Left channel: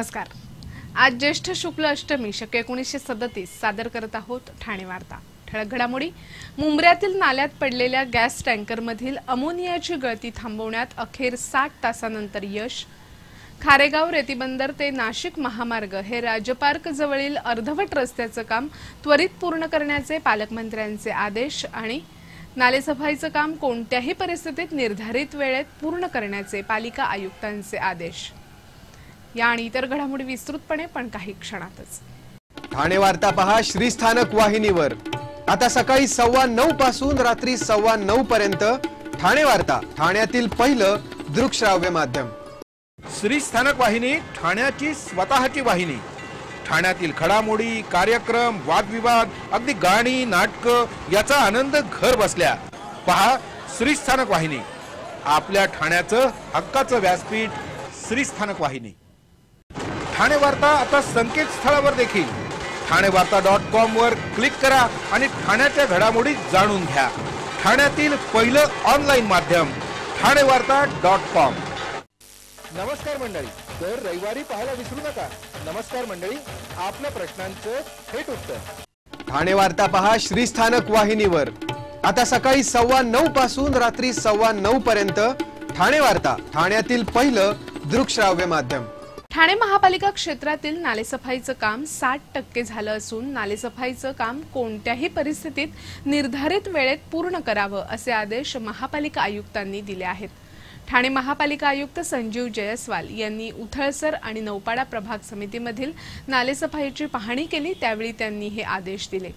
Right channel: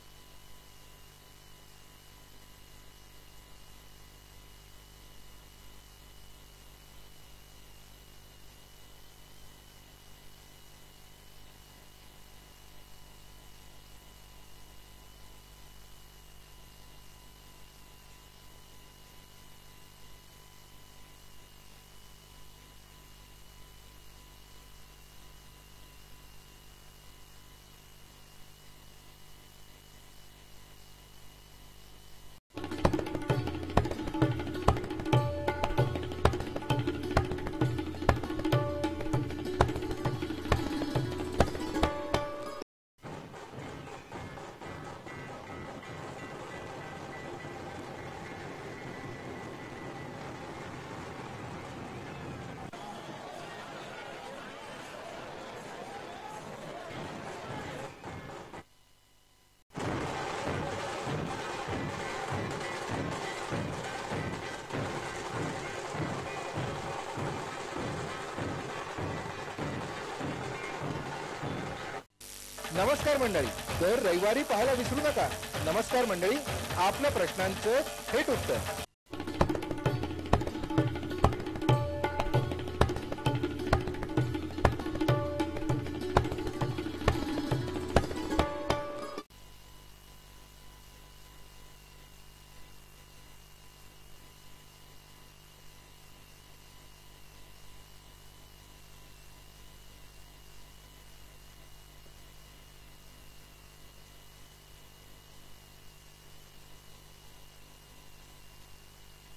नमस्कार। आज ज्येष्ठ शुक्ल अष्टमी शके 1937 सादर करत आहोत ठाणे वार्ता। ठळक घडामोडी। मुंब्र्यातील नाल्यात पडलेल्या गॅस टँकरमधील अमोनियाची गळती थांबवण्यात अखेर 60 तासांनंतर यश। खारेगाव रेतीबंदर ते नाशिक महामार्ग हे राजपार्क जवळील अर्धवट रस्त्याचे काम त्वरित पूर्ण करण्याचे पालकमंत्र्यांचे आदेश आणि नालेसफाईचे काम कोणत्याही परिस्थितीत निर्धारित वेळेत पूर्ण करण्याचे पालिका आयुक्तांचे आदेश। या आणि इतर घडामोडी विस्तृतपणे पण काही क्षणातच। ठाणे वार्ता पहा श्रीस्थानक वाहिनीवर। आता सकाळी 9:15 पासून रात्री 9:15 पर्यंत ठाणे वार्ता, ठाण्यातील पहिलं दृकश्राव्य माध्यम। श्रीस्थानक वाहिनी ठाण्याची स्वतःची वाहिनी। ठाण्यातील घडामोडी, कार्यक्रम, वादविवाद, अगदी गाणी, नाटक याचा आनंद घर बसल्या पहा श्रीस्थानक वाहिनी। आपल्या ठाण्याचं हक्काचं व्यासपीठ श्रीस्थानक वाहिनी। ठाणे वार्ता आता संकेतस्थळावर देखील ठाणेवार्ता.com वर क्लिक करा आणि ठाण्याच्या घडामोडी जाणून घ्या। ठाण्यातील पहिलं ऑनलाईन माध्यम ठाणेवार्ता.com। नमस्कार मंडळी, दर रविवारी पाहायला विसरू नका। नमस्कार मंडळी, आपल्या प्रश्नांचं थेट उत्तर। ठाणे वार्ता पहा श्रीस्थानक वाहिनीवर। आता सकाळी 9:15 पासून रात्री 9:15 पर्यंत ठाणे वार्ता, ठाण्यातील पहिलं दृकश्राव्य माध्यम। ठाणे महापालिका क्षेत्रातील नालेसफाईचं काम 60% झालं असून नालेसफाईचं काम कोणत्याही परिस्थितीत निर्धारित वेळेत पूर्ण करावं असे आदेश महापालिका आयुक्तांनी दिले आहेत। ठाणे महापालिका आयुक्त संजीव जयस्वाल यांनी उथळसर आणि नौपाडा प्रभाग समितीमधील नालेसफाईची पाहणी केली, त्यावेळी त्यांनी हे आदेश दिले।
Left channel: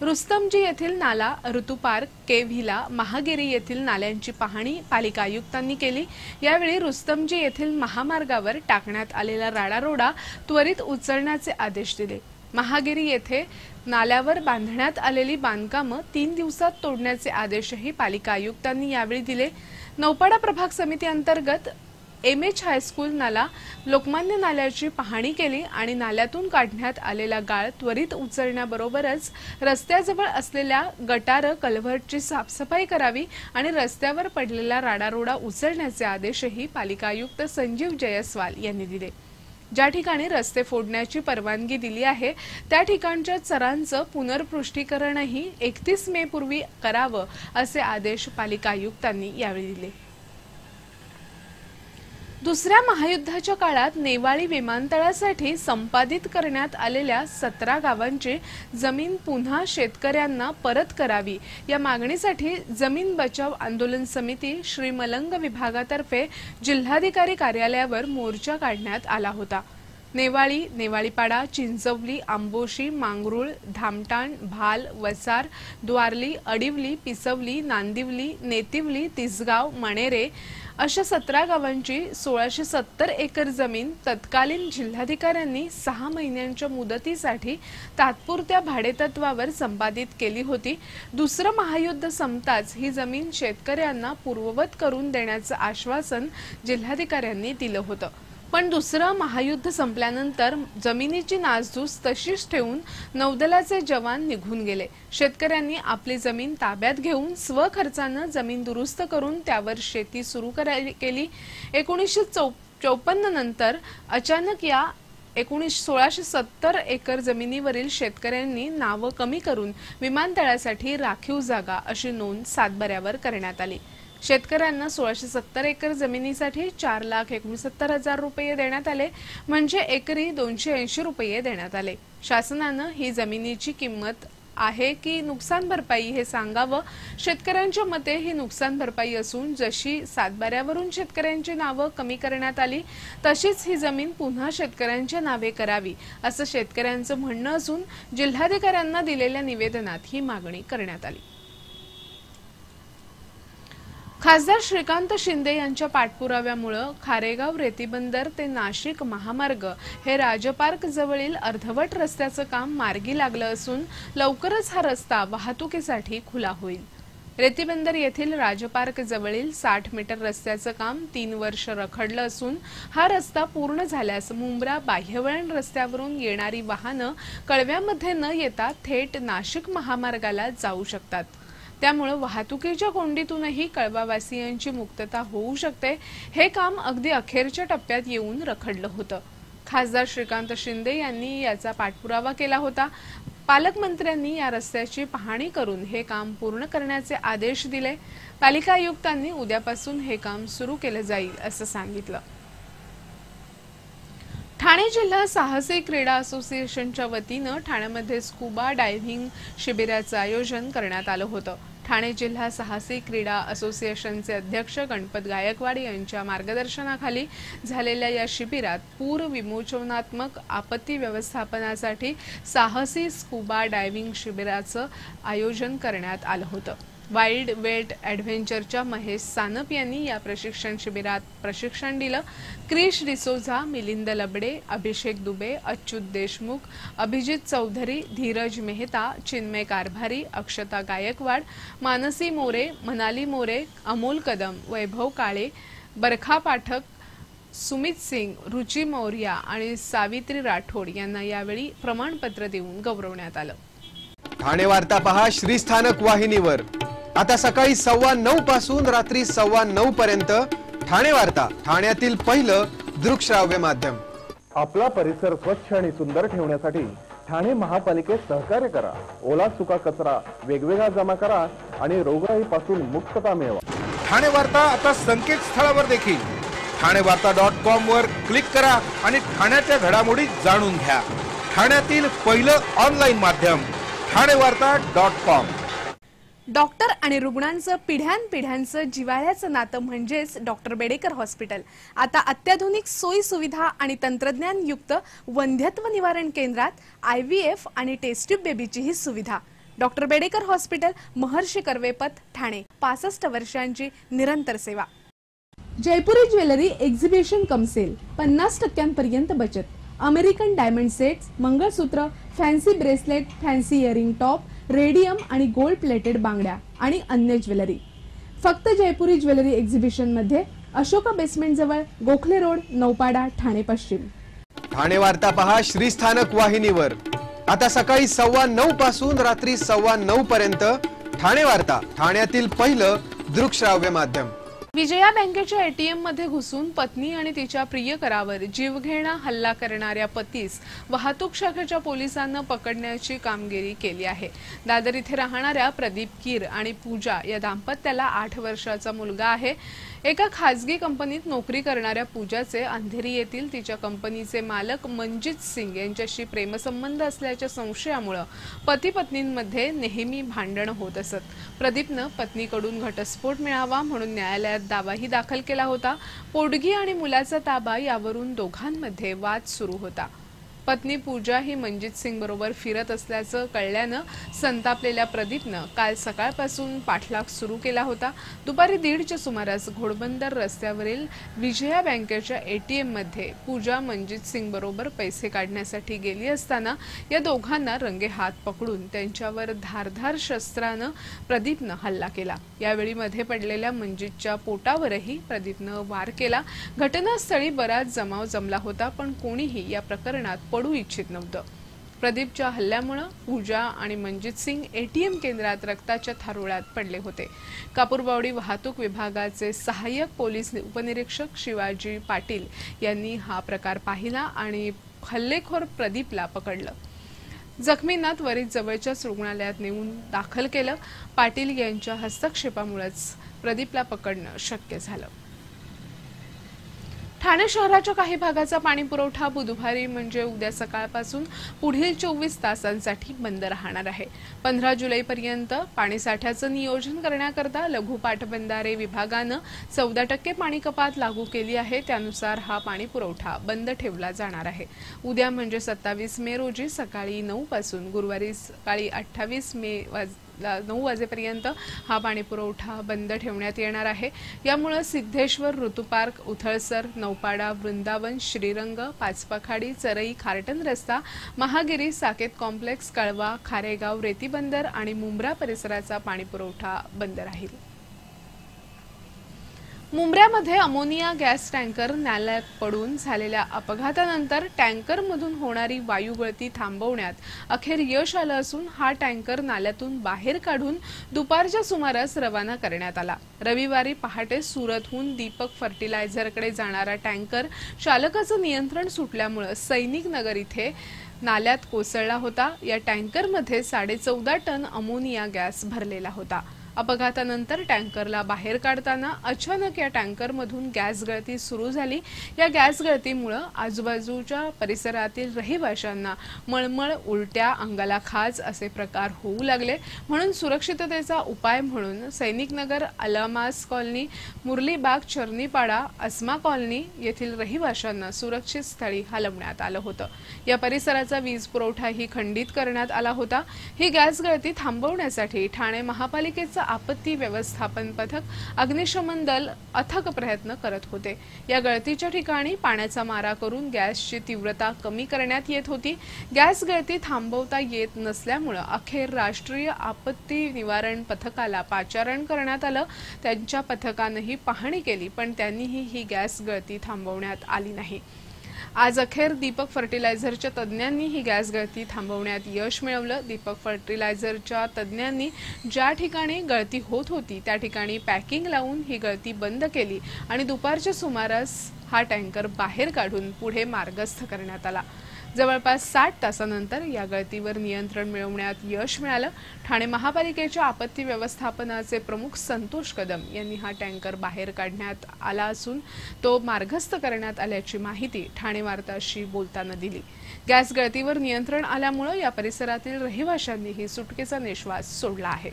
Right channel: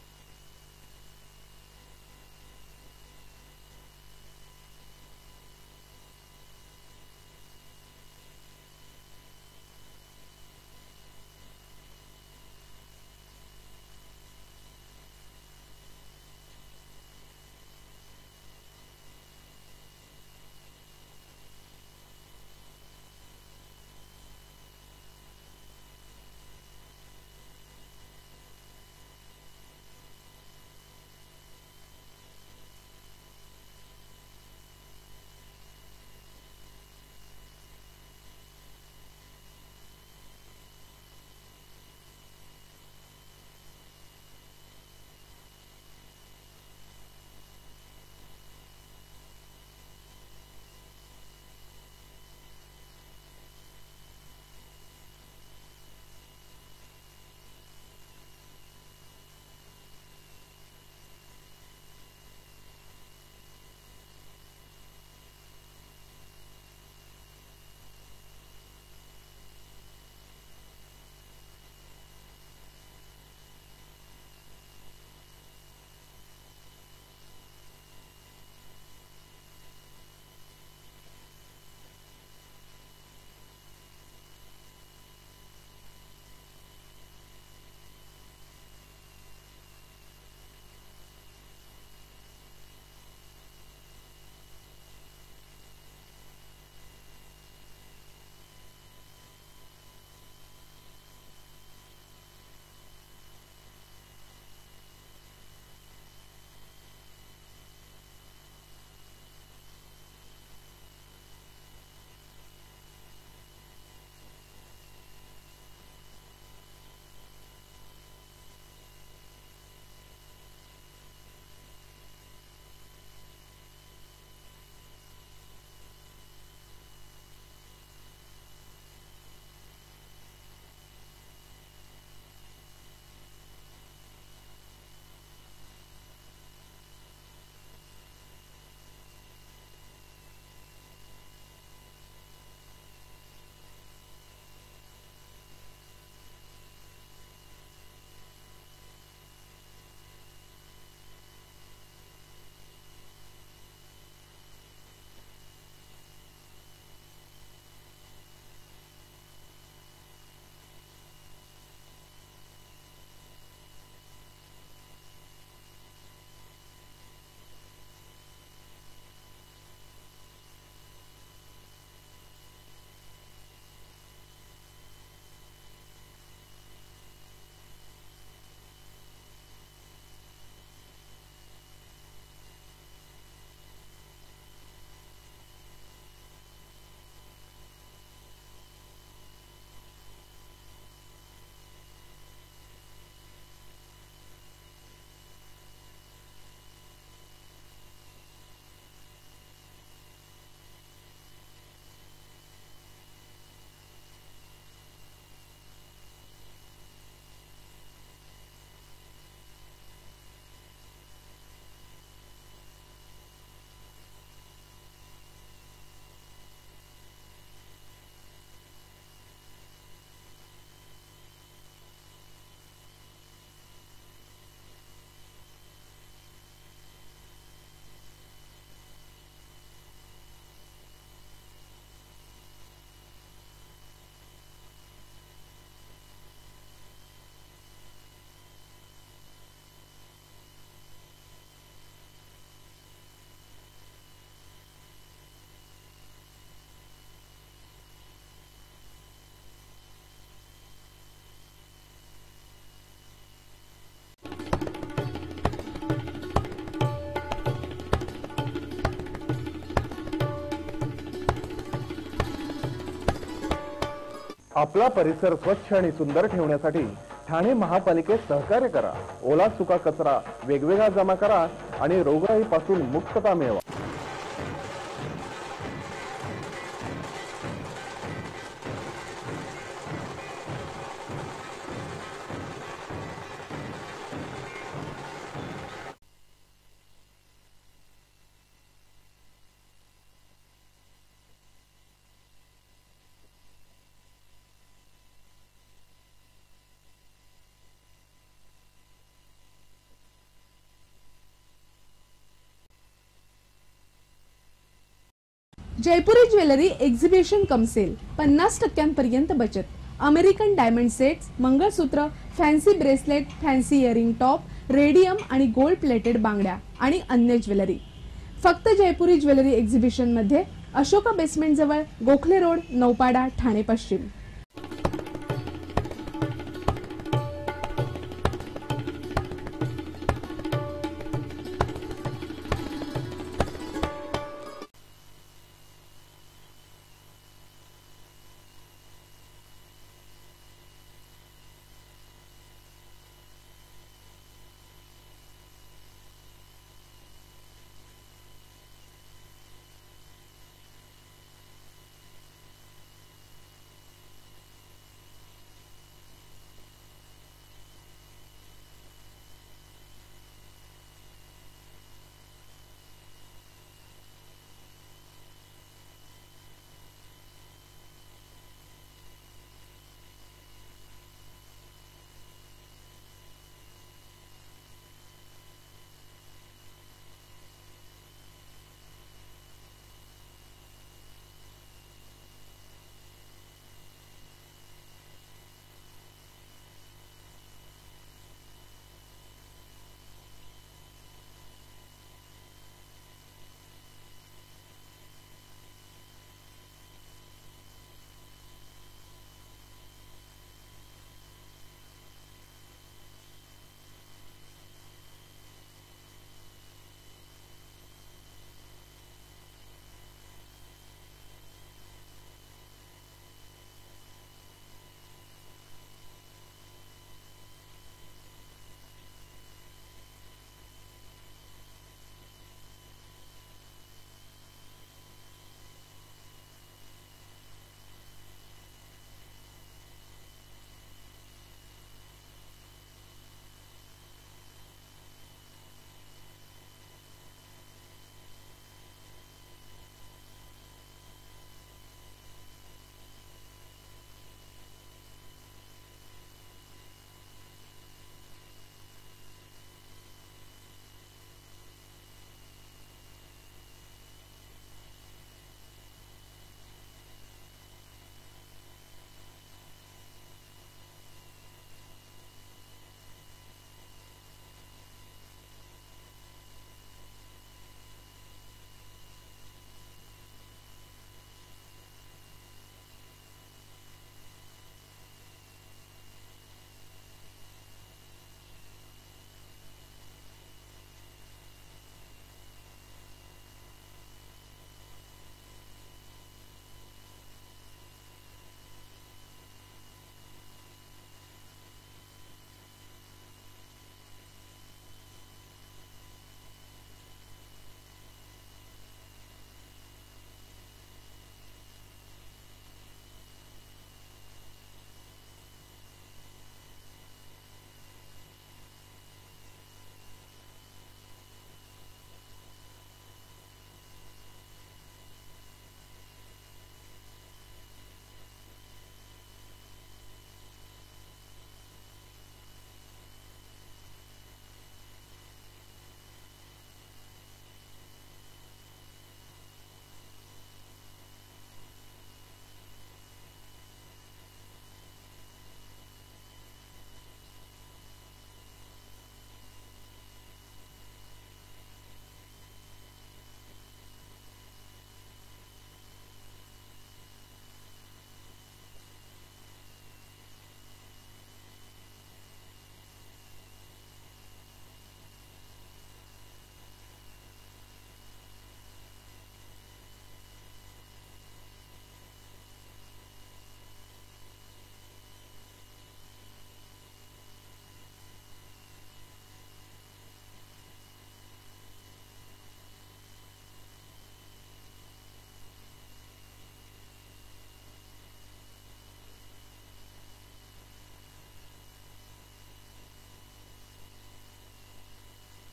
रुस्तमजी येथील नाला, ऋतू पार्क, के व्हिला, महागिरी येथील नाल्यांची पाहणी पालिका आयुक्तांनी केली। यावेळी रुस्तमजी येथील महामार्गावर टाकण्यात आलेला राडारोडा त्वरित उचलण्याचे आदेश दिले। महागिरी येथे नाल्यावर बांधण्यात आलेली बांधकामं 3 दिवसात तोडण्याचे आदेशही पालिका आयुक्तांनी यावेळी दिले। नौपाडा प्रभाग समिती अंतर्गत एमएच हायस्कूल नाला, लोकमान्य नाल्याची पाहणी केली आणि नाल्यातून काढण्यात आलेला गाळ त्वरित उचलण्याबरोबरच रस्त्याजवळ असलेल्या गटार, कल्व्हर्टची साफसफाई करावी आणि रस्त्यावर पडलेला राडारोडा उचलण्याचे आदेशही पालिका आयुक्त संजीव जयस्वाल यांनी दिले। ज्या ठिकाणी रस्ते फोडण्याची परवानगी दिली आहे त्या ठिकाणच्या चरांचं पुनर्पृष्ठीकरणही 31 मे पूर्वी करावं असे आदेश पालिका आयुक्तांनी यावेळी दिले। दुसऱ्या महायुद्धाच्या काळात नेवाळी विमानतळासाठी संपादित करण्यात आलेल्या 17 गावांची जमीन पुन्हा शेतकऱ्यांना परत करावी या मागणीसाठी जमीन बचाव आंदोलन समिती श्री मलंग विभागातर्फे जिल्हाधिकारी कार्यालयावर मोर्चा काढण्यात आला होता। नेवाळी, नेवाळीपाडा, चिंचवली, आंबोशी, मांगरूळ, धामटाण, भाल, वसार, द्वारली, अडिवली, पिसवली, नांदिवली, नेतिवली, तिसगाव, मणेरे अशा 17 गावांची 1670 एकर जमीन तत्कालीन जिल्हाधिकाऱ्यांनी 6 महिन्यांच्या मुदतीसाठी तात्पुरत्या भाडेतत्वावर संपादित केली होती। दुसरं महायुद्ध संपताच ही जमीन शेतकऱ्यांना पूर्ववत करून देण्याचं आश्वासन जिल्हाधिकाऱ्यांनी दिलं होतं। पण दुसरं महायुद्ध संपल्यानंतर जमिनीची नासधूस तशीच ठेवून नौदलाचे जवान निघून गेले। शेतकऱ्यांनी आपली जमीन ताब्यात घेऊन स्वखर्चाने जमीन दुरुस्त करून त्यावर शेती सुरू केली। 1954 नंतर अचानक या 1670 एकर जमिनीवरील शेतकऱ्यांनी नावं कमी करून विमानतळासाठी राखीव जागा अशी नोंद सातबाऱ्यावर करण्यात आली। शेतकऱ्यांना 1670 एकर जमिनीसाठी 4,69,000 रुपये देण्यात आले, म्हणजे एकरी 280 रुपये देण्यात आले। शासनाने ही जमिनीची किंमत आहे की नुकसान भरपाई हे सांगावं। शेतकऱ्यांच्या मते ही नुकसान भरपाई असून जशी सातबाऱ्यावरून शेतकऱ्यांची नावं कमी करण्यात आली तशीच ही जमीन पुन्हा शेतकऱ्यांच्या नावे करावी असं शेतकऱ्यांचं म्हणणं असून जिल्हाधिकाऱ्यांना दिलेल्या निवेदनात ही मागणी करण्यात आली। खासदार श्रीकांत शिंदे यांच्या पाठपुराव्यामुळे खारेगाव रेतीबंदर ते नाशिक महामार्ग हे राजपार्क जवळील अर्धवट रस्त्याचं काम मार्गी लागलं असून लवकरच हा रस्ता वाहतुकीसाठी खुला होईल। रेतीबंदर येथील राजपार्क जवळील 60 मीटर रस्त्याचं काम 3 वर्ष रखडलं असून हा रस्ता पूर्ण झाल्यास मुंब्रा बाह्यवळण रस्त्यावरून येणारी वाहनं कळव्यामध्ये न येता थेट नाशिक महामार्गाला जाऊ शकतात। त्यामुळे वाहतुकीच्या कोंडीतूनही कळवावासियांची मुक्तता होऊ शकते। हे काम अगदी अखेरच्या टप्प्यात येऊन रखडलं होतं। खासदार श्रीकांत शिंदे यांनी याचा पाठपुरावा केला होता। पालकमंत्र्यांनी या रस्त्याची पाहणी करून हे काम पूर्ण करण्याचे आदेश दिले। पालिका आयुक्तांनी उद्यापासून हे काम सुरू केले जाईल असं सांगितलं। ठाणे जिल्हा साहसी क्रीडा असोसिएशनच्या वतीनं ठाण्यामध्ये स्कुबा डायव्हिंग शिबिराचं आयोजन करण्यात आलं होतं। ठाणे जिल्हा साहसी क्रीडा असोसिएशनचे अध्यक्ष गणपत गायकवाड यांच्या मार्गदर्शनाखाली झालेल्या या शिबिरात पूर विमोचनात्मक आपत्ती व्यवस्थापनासाठी साहसी स्कुबा डायव्हिंग शिबिराचं आयोजन करण्यात आलं होतं। वाइल्ड वेट ॲडव्हेंचरच्या महेश सानप यांनी या प्रशिक्षण शिबिरात प्रशिक्षण दिलं। क्रिश डिसोझा, मिलिंद लबडे, अभिषेक दुबे, अच्युत देशमुख, अभिजित चौधरी, धीरज मेहता, चिन्मय कारभारी, अक्षता गायकवाड, मानसी मोरे, मनाली मोरे, अमोल कदम, वैभव काळे, बरखा पाठक, सुमित सिंग, रुची मौर्या आणि सावित्री राठोड यांना यावेळी प्रमाणपत्र देऊन गौरवण्यात आलं। ठाणे वार्ता पहा श्रीस्थानक वाहिनीवर। आता सकाळी 9:15 पासून रात्री 9:15 पर्यंत ठाणे वार्ता, ठाण्यातील पहिलं दृकश्राव्य माध्यम। आपला परिसर स्वच्छ आणि सुंदर ठेवण्यासाठी ठाणे महापालिकेत सहकार्य करा। ओला सुका कचरा वेगवेगळा जमा करा आणि रोगराईपासून मुक्तता मिळवा। ठाणे वार्ता आता संकेतस्थळावर देखील ठाणेवार्ता.com वर क्लिक करा आणि ठाण्याच्या घडामोडी जाणून घ्या। ठाण्यातील पहिलं ऑनलाईन माध्यम ठाणेवार्ता.com। डॉक्टर आणि रुग्णांचं पिढ्यानपिढ्यांचं जिव्हाळ्याचं नातं म्हणजेच डॉक्टर बेडेकर हॉस्पिटल। आता अत्याधुनिक सोयी सुविधा आणि तंत्रज्ञान युक्त वंध्यत्व निवारण केंद्रात IVF आणि टेस्ट ट्यूब बेबीची ही सुविधा। Doctor Bedekar hospital, Maharshi Karvepath, Thane. 65 वर्षांची निरंतर सेवा। Jaipuri jewellery exhibition cum sale, 50% बचत। American diamond sets, mangalsutra, fancy bracelet, fancy earring top, radium आणि गोल्ड प्लेटेड बांगड्या आणि अन्य ज्वेलरी फक्त जयपुरी ज्वेलरी एक्झिबिशन मध्ये, अशोका बेसमेंट जवळ, गोखले रोड, नौपाडा, ठाणे पश्चिम। ठाणे वार्ता पहा श्रीस्थानक वाहिनीवर। आता सकाळी 9:15 पासून रात्री 9:15 पर्यंत ठाणे वार्ता, ठाण्यातील पहिलं दृकश्राव्य माध्यम। विजया बँकेच्या ATM मध्ये घुसून पत्नी आणि तिच्या प्रियकरावर जीवघेणा हल्ला करणाऱ्या पतीस वाहतूक शाखेच्या पोलिसांना पकडण्याची कामगिरी केली आहे। दादर इथे राहणाऱ्या प्रदीप कीर आणि पूजा या दाम्पत्याला 8 वर्षाचा मुलगा आहे। एका खासगी कंपनीत नोकरी करणाऱ्या पूजाचे अंधेरी येथील तिच्या कंपनीचे मालक मनजित सिंग यांच्याशी प्रेमसंबंध असल्याच्या संशयामुळे पती पत्नींमध्ये नेहमी भांडण होत असत। प्रदीपनं पत्नीकडून घटस्फोट मिळावा म्हणून न्यायालयात दावाही दाखल केला होता। पोटगी आणि मुलाचा ताबा यावरून दोघांमध्ये वाद सुरू होता। पत्नी पूजा ही मनजित सिंग बरोबर फिरत असल्याचं कळल्यानं संतापलेल्या प्रदीपनं काल सकाळपासून पाठलाग सुरू केला होता। दुपारी 1:30च्या सुमारास घोडबंदर रस्त्यावरील विजया बँकेच्या ATM मध्ये पूजा मनजित सिंग बरोबर पैसे काढण्यासाठी गेली असताना या दोघांना रंगेहात पकडून त्यांच्यावर धारधार शस्त्रानं प्रदीपनं हल्ला केला। यावेळी मध्ये पडलेल्या मनजितच्या पोटावरही प्रदीपनं वार केला। घटनास्थळी बराच जमाव जमला होता, पण कोणीही या प्रकरणात पडू इच्छित नव्हतं। प्रदीपच्या हल्ल्यामुळे पूजा आणि मनजित सिंग ATM केंद्रात रक्ताच्या थारोळ्यात पडले होते। कापूरबावडी वाहतूक विभागाचे सहाय्यक पोलीस उपनिरीक्षक शिवाजी पाटील यांनी हा प्रकार पाहिला आणि हल्लेखोर प्रदीपला पकडलं। जखमींना त्वरित जवळच्याच रुग्णालयात नेऊन दाखल केलं। पाटील यांच्या हस्तक्षेपामुळेच प्रदीपला पकडणं शक्य झालं। ठाणे शहराच्या काही भागाचा पाणी पुरवठा बुधवारी म्हणजे उद्या सकाळपासून पुढील 24 तासांसाठी बंद राहणार आहे। 15 जुलैपर्यंत पाणीसाठ्याचं नियोजन करण्याकरता लघु पाटबंधारे विभागानं 14% पाणी कपात लागू केली आहे। त्यानुसार हा पाणी पुरवठा बंद ठेवला जाणार आहे। उद्या म्हणजे 27 मे रोजी सकाळी 9 पासून गुरुवारी सकाळी 28 मे 9 वाजेपर्यंत हा पाणी पुरवठा बंद ठेवण्यात येणार आहे। यामुळे सिद्धेश्वर, ऋतुपार्क, उथळसर, नौपाडा, वृंदावन, श्रीरंग, पाचपखाडी, चरई, खारटन रस्ता, महागिरी, साकेत कॉम्प्लेक्स, कळवा, खारेगाव, रेतीबंदर आणि मुंब्रा परिसराचा पाणी पुरवठा बंद राहील। मुंब्र्यामध्ये अमोनिया गॅस टँकर नाल्यात पडून झालेल्या अपघातानंतर टँकरमधून होणारी वायू गळती थांबवण्यात अखेर यश आलं असून हा टँकर नाल्यातून बाहेर काढून दुपारच्या सुमारास रवाना करण्यात आला। रविवारी पहाटे सुरतहून दीपक फर्टिलायझरकडे जाणारा टँकर चालकाचं नियंत्रण सुटल्यामुळे सैनिक नगर इथे नाल्यात कोसळला होता। या टँकरमध्ये 14.5 टन अमोनिया गॅस भरलेला होता। अपघातानंतर टँकरला बाहेर काढताना अचानक या टँकरमधून गॅस गळती सुरू झाली। या गॅस गळतीमुळे आजूबाजूच्या परिसरातील रहिवाशांना मळमळ, उलट्या, अंगाला खाज असे प्रकार होऊ लागले। म्हणून सुरक्षिततेचा उपाय म्हणून सैनिकनगर, अलामास कॉलनी, मुरलीबाग, चर्नीपाडा, अस्मा कॉलनी येथील रहिवाशांना सुरक्षित स्थळी हलवण्यात आलं होतं। या परिसराचा वीज पुरवठाही खंडित करण्यात आला होता। ही गॅस गळती थांबवण्यासाठी ठाणे महापालिकेचा आपत्ती व्यवस्थापन पथक, अग्निशमन दल अथक प्रयत्न करत होते। या गळतीच्या ठिकाणी पाण्याचा मारा करून गॅसची तीव्रता कमी करण्यात येत होती। गॅस गळती थांबवता येत नसल्यामुळे अखेर राष्ट्रीय आपत्ती निवारण पथकाला पाचारण करण्यात आलं। त्यांच्या पथकानेही पाहणी केली, पण त्यांनीही ही गॅस गळती थांबवण्यात आली नाही। आज अखेर दीपक फर्टिलायझरच्या तज्ञांनी ही गॅस गळती थांबवण्यात यश मिळवलं। दीपक फर्टिलायझरच्या तज्ञांनी ज्या ठिकाणी गळती होत होती त्या ठिकाणी पॅकिंग लावून ही गळती बंद केली आणि दुपारच्या सुमारास हा टँकर बाहेर काढून पुढे मार्गस्थ करण्यात आला। जवळपास 60 तासानंतर या गळतीवर नियंत्रण मिळवण्यात यश मिळालं। ठाणे महापालिकेच्या आपत्ती व्यवस्थापनाचे प्रमुख संतोष कदम यांनी हा टँकर बाहेर काढण्यात आला असून तो मार्गस्थ करण्यात आल्याची माहिती ठाणे वार्ताशी बोलताना दिली। गॅस गळतीवर नियंत्रण आल्यामुळे या परिसरातील रहिवाशांनीही सुटकेचा निश्वास सोडला आहे।